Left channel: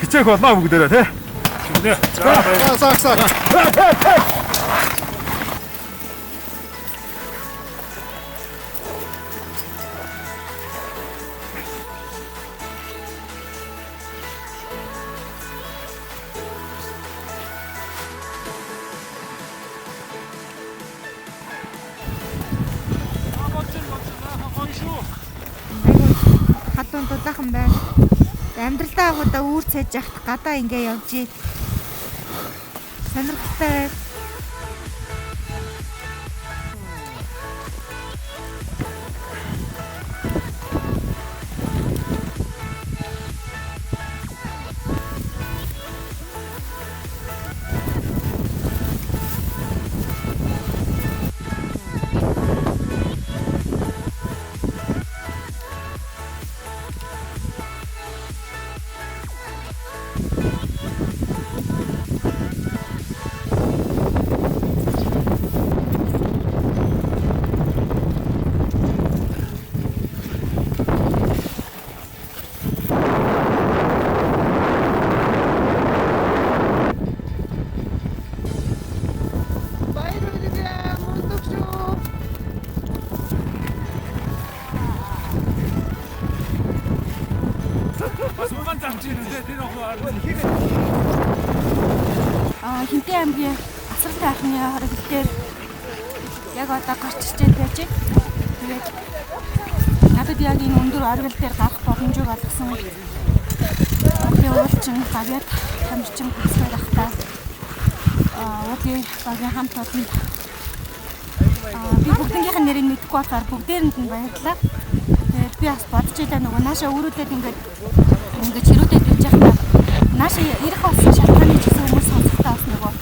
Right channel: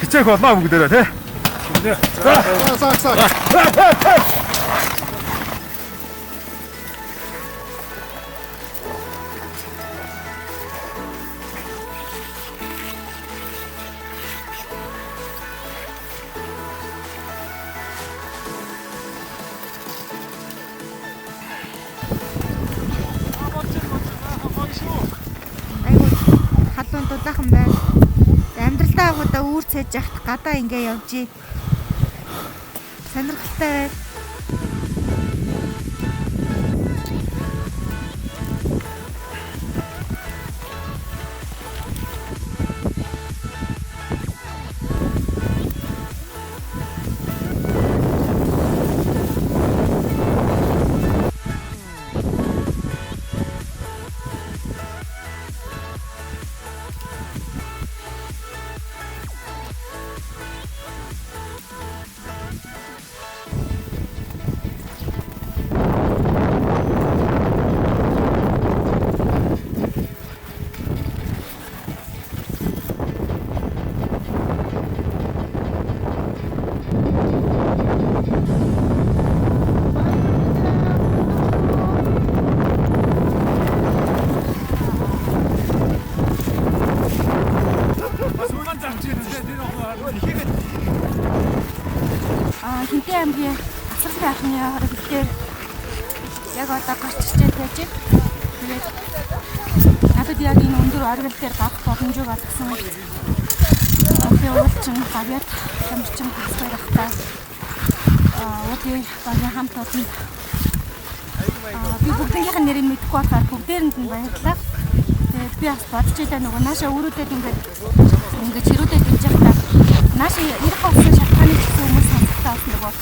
хичээх болно бүгдээрээ тий. За. Халуун дулаахан байна. Амьдралдаа агуудаа үүр цээж яхад гадаа ингээ явж ий. Сонирхолтой байна. Хинтээ аймгийн асралтай ахны хорог дээр яг одоо гарч ирж байж байна. Тэгээд надад яг энэ өндөр оргил дээр гарах боломжийг олгосон. Охин уулчин, гавьяат, тамирчин хасбай ахтаа уулын багийн хамт олонд би бүгднгийнх нь нэрийг мэдэхгүй болохоор бүгдээрэнд нь баярлалаа. Тэгээд би бас бодож байлаа нөгөө наашаа өрөөдөд ингээд чирүүдэд ирж байхдаа наашаа ирэх болсон шалтгааны ч гэсэн хүмүүс сонсохтаа бас нөгөө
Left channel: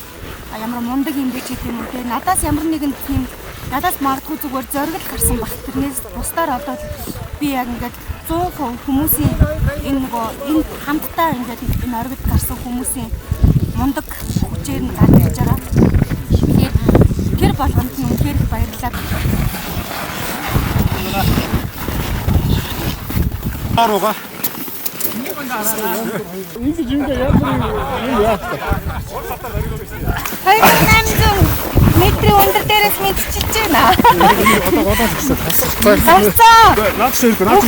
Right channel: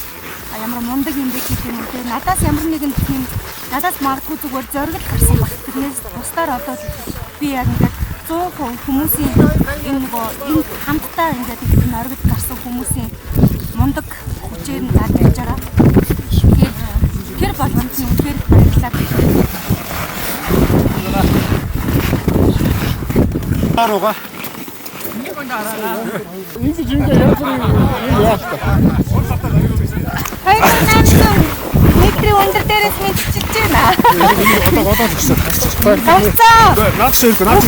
ямар мундаг юм бэ ч гэдэг юм уу те. Надаас ямар нэгэн тийм надаас магадгүй зүгээр зориг гарсан баг. Тэрнээс бусдаар одоо би яг ингээд 100% хүмүүсийн энэ нөгөө энэ хамтдаа ингээд энэ оргид гарсан хүмүүсийн мундаг хүчээр нь гарч ирж байгаа. Тэгэхээр тэр болгонд нь үнэхээр их баярлалаа. Арууга. Метрийн өндөр дээрээс мэдчихэж байна. Одоо гэсэн. Гарцаа. Наад ширхүү наад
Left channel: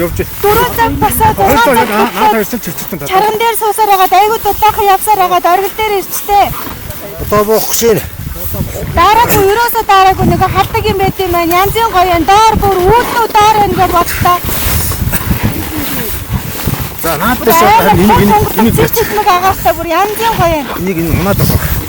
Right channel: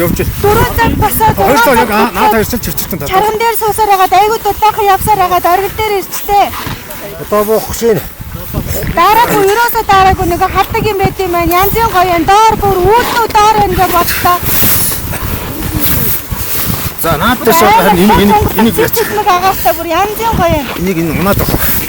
явж. 4 цаг басаад 6 цаг. Наад ирсэн чивчтэн. Чарган дээр суусаар хагаад айгуу дулаахан явсаар хагаад оргил дээр ирчлээ. Одоо буух шин. Дараагүй ерөөсөө дараагүй нэг халдаг юм байт юм байна. Янзын гоё юм. Доор бүр үүлдөө доор байна гэж бодлоо. За наадтай энэ чичмэг агаартай бүр янзын гоё юм. Энийг энэ унаад байгаа.